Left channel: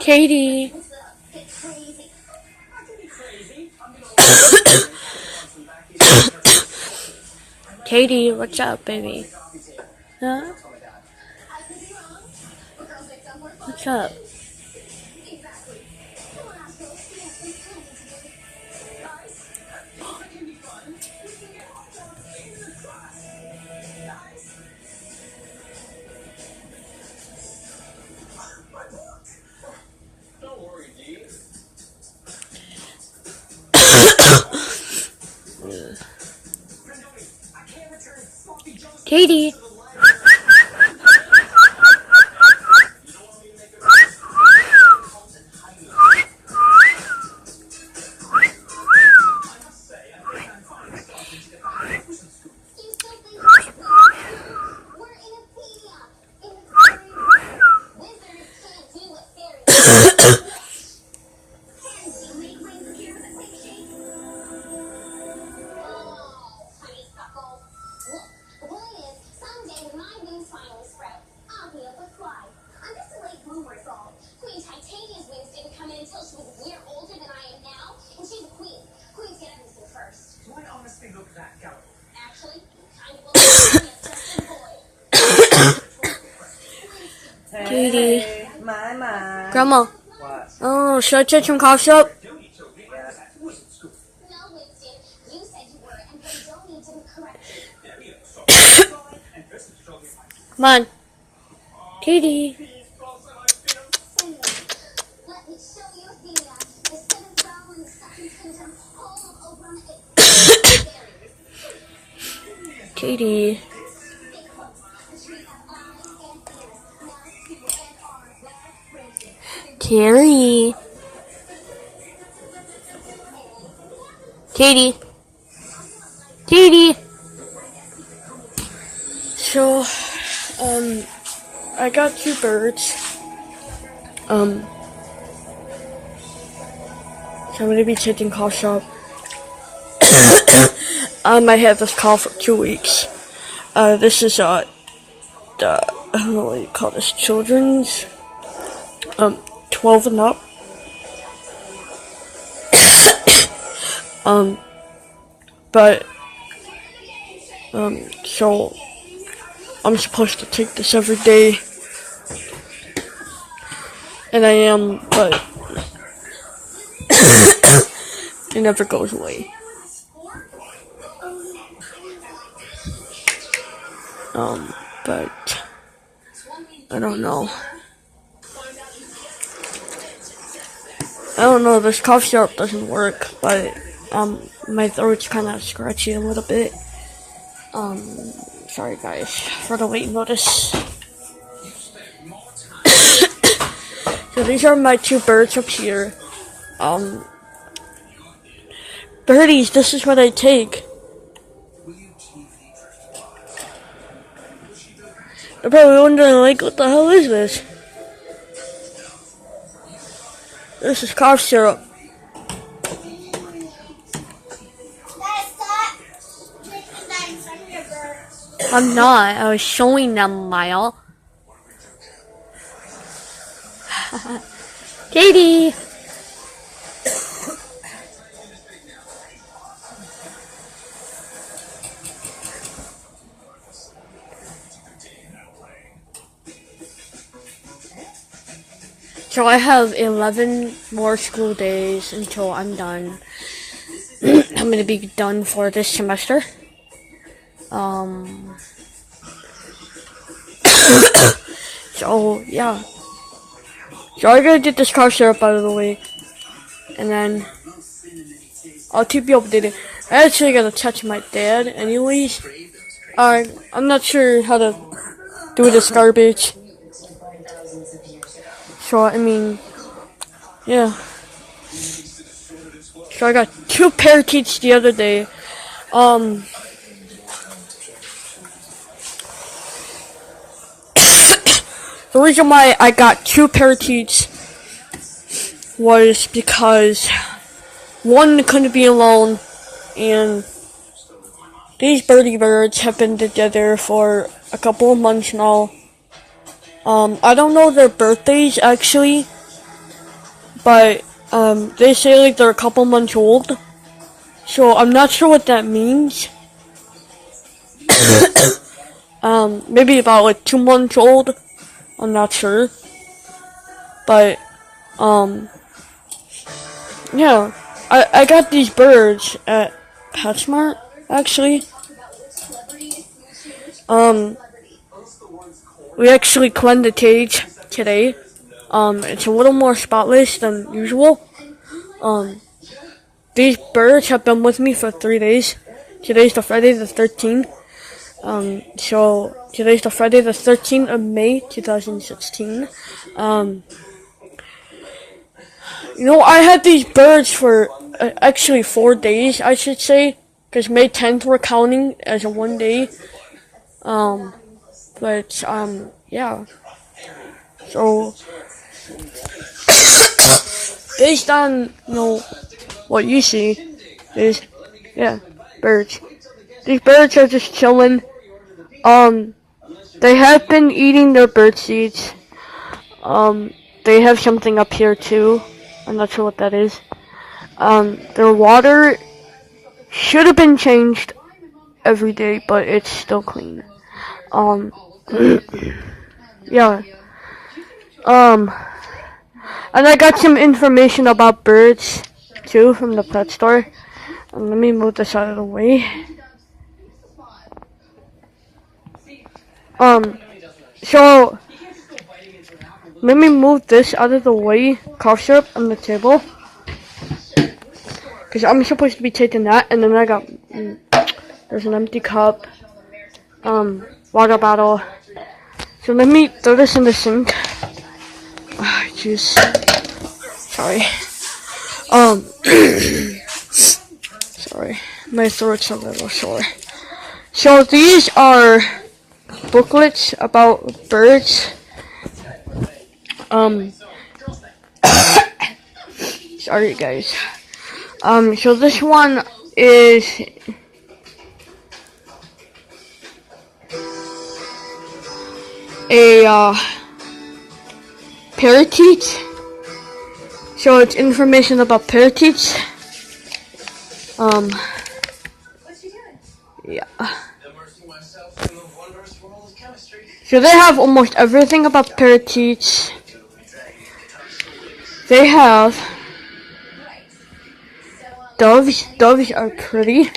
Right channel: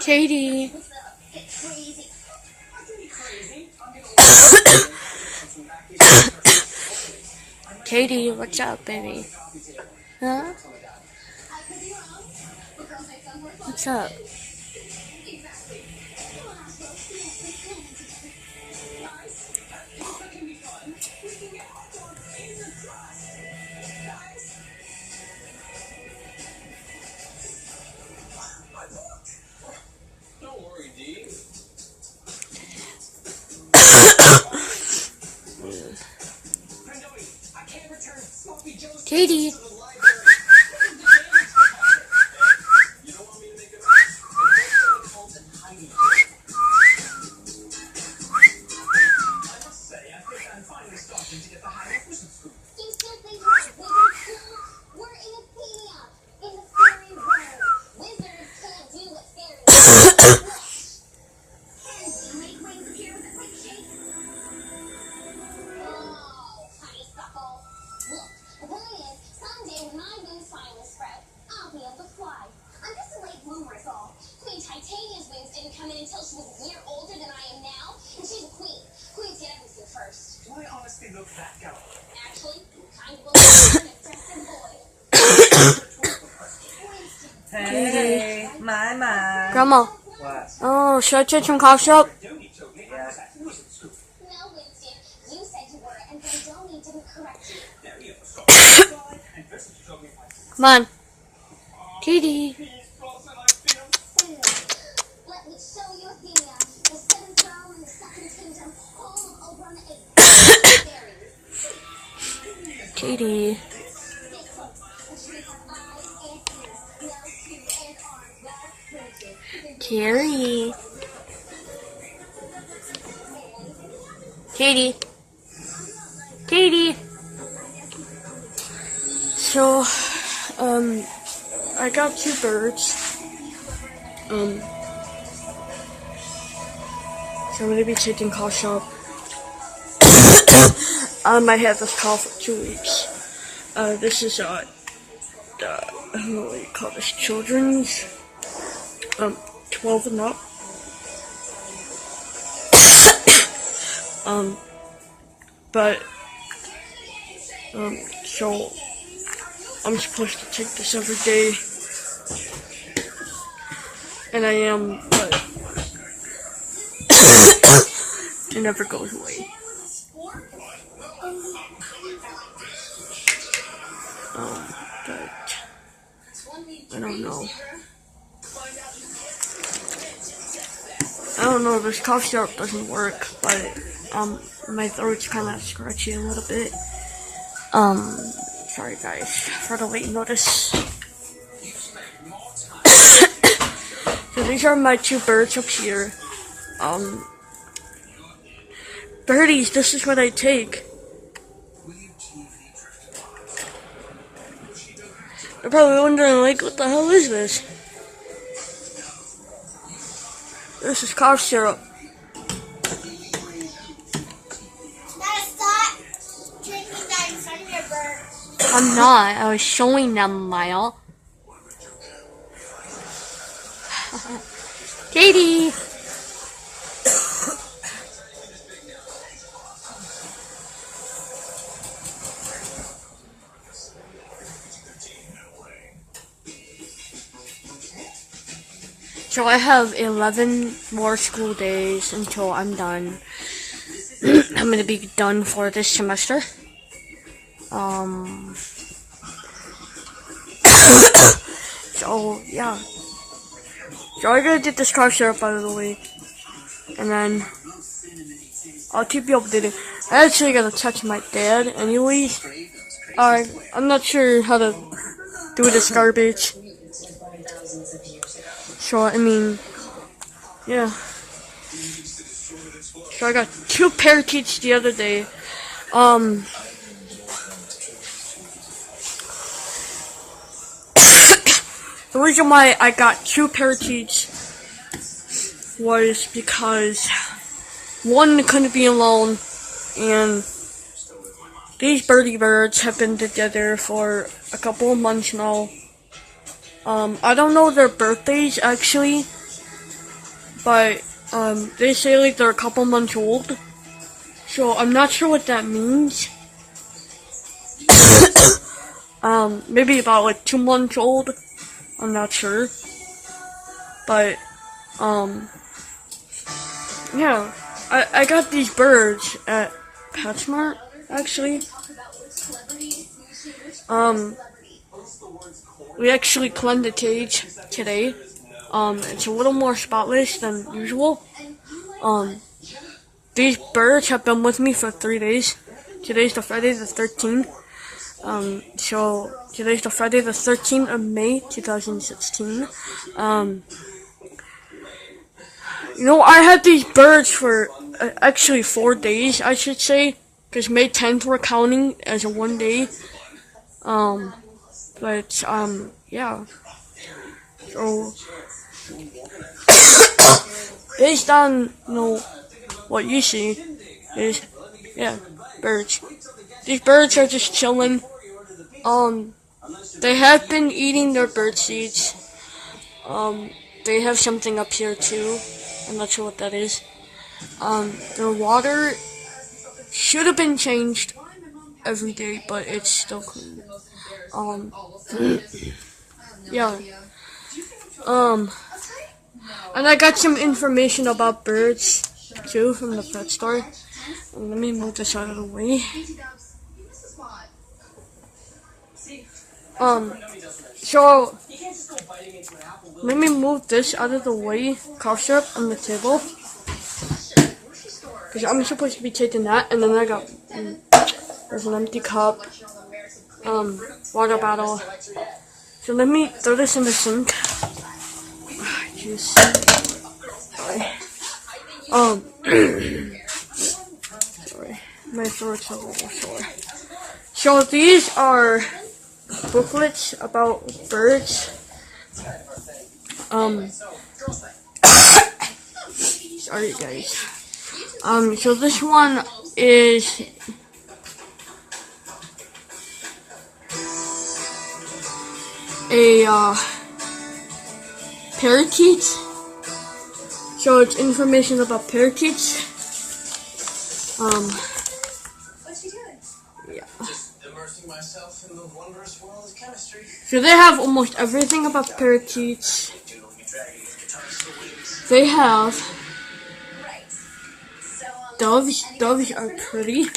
Katie. Katie, what's up, baby? Huh? What's up? Katie. Hey, my. Grandma. What? Oh, should I take some cough syrup? Come on. Katie. Katie. Carrie. Katie. Katie. So, I got 2 birds. So I'm gonna be taking cough syrup. I might have this cough for 2 weeks. This is, what do you call this? Children's, 12 and up. So I'm supposed to take this every day, and I am, but it never goes away. But I don't know. This cough syrup doesn't work, but my throat's kind of scratchy a little bit. Sorry guys for the late notice. So these are my 2 birds up here. Birdies, this is what I take. You're probably wondering, like, what the hell is this? This is cough syrup. I'm not. I was showing them, Mile. Katie! So I have 11 more school days until I'm done. I'm gonna be done for this semester. So yeah. So I'm gonna get this cough syrup out of the way, and then I'll keep you updated. I actually gotta touch my dad anyways. I'm not sure how to do this garbage. So I mean, yeah. So I got 2 parakeets the other day. The reason why I got 2 parakeets was because one couldn't be alone, and these birdie birds have been together for a couple of months now, I don't know their birthdays actually, but they say like they're a couple months old. So I'm not sure what that means. Maybe about like 2 months old. I'm not sure. But yeah, I got these birds at PetSmart actually. We actually cleaned the cage today. It's a little more spotless than usual. These birds have been with me for 3 days. Today's the Friday the 13th. So today's the Friday the 13th of May 2016. I had these birds for actually 4 days, I should say, because May 10th we're counting as a 1 day. Yeah. So based on what you see is birds. These birds are just chilling. They have been eating their bird seeds. They have something up here too. I'm not sure what that is. Their water should have been changed every day, but it's still clean. Yeah. And I got some information about birds too from the pet store. Let me move this out of the way. So let me move this out of the way. Cough syrup on the table, because I'm supposed to be taking that, and then I got there's an empty cup, water bottle. So let me throw this in the sink. Jeez. Sorry. Sorry. My throat's a little sore. So these are booklets about birds. Sorry guys. So this one is a parakeet. So it's information about parakeets. Yeah. So they have almost everything about parakeets. They have doves. Doves are pretty.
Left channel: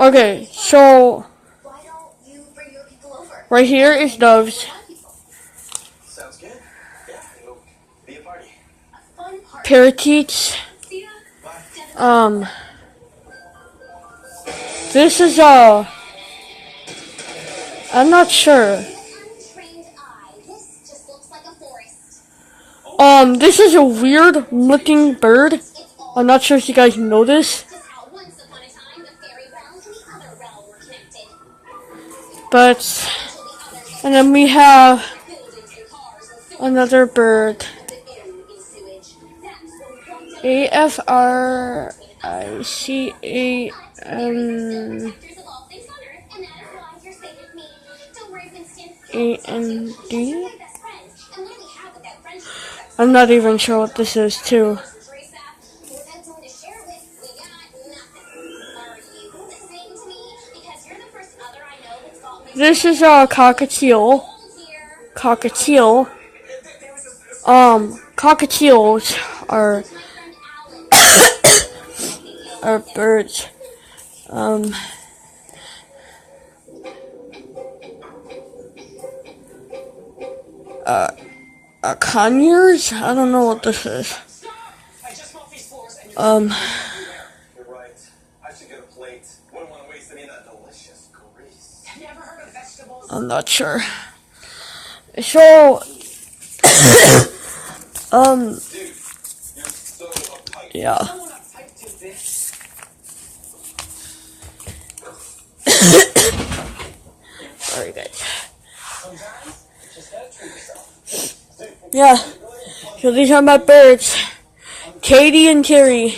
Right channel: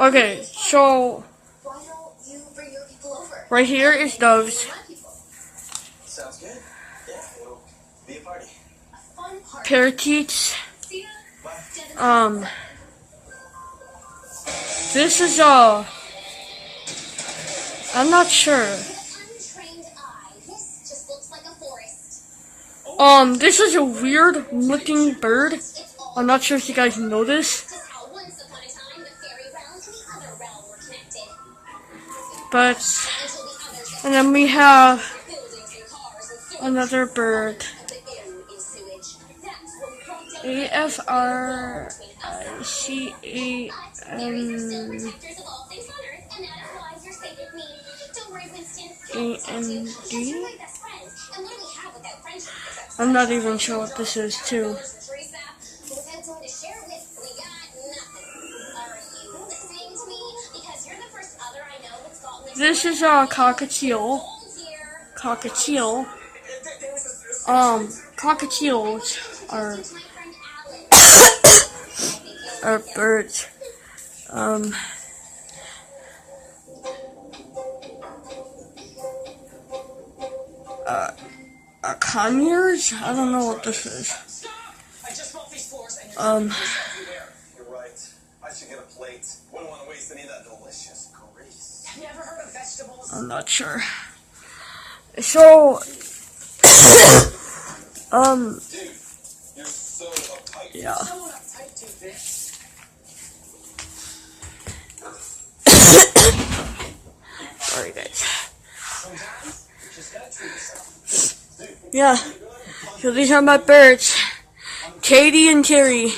Okay, so right here is doves. Parakeets. This is I'm not sure. This is a weird looking bird. I'm not sure if you guys know this. And then we have another bird. AFRICANAND. I'm not even sure what this is too. This is a cockatiel. Cockatiel. Cockatiels are are birds. Conures? I don't know what this is. You're right. I should get a plate. Wouldn't want to waste any of that delicious grease. I'm not sure. So, Dude, you're so uptight. yeah. Sorry, guys. Yeah. So these are my birds, Katie and Terry.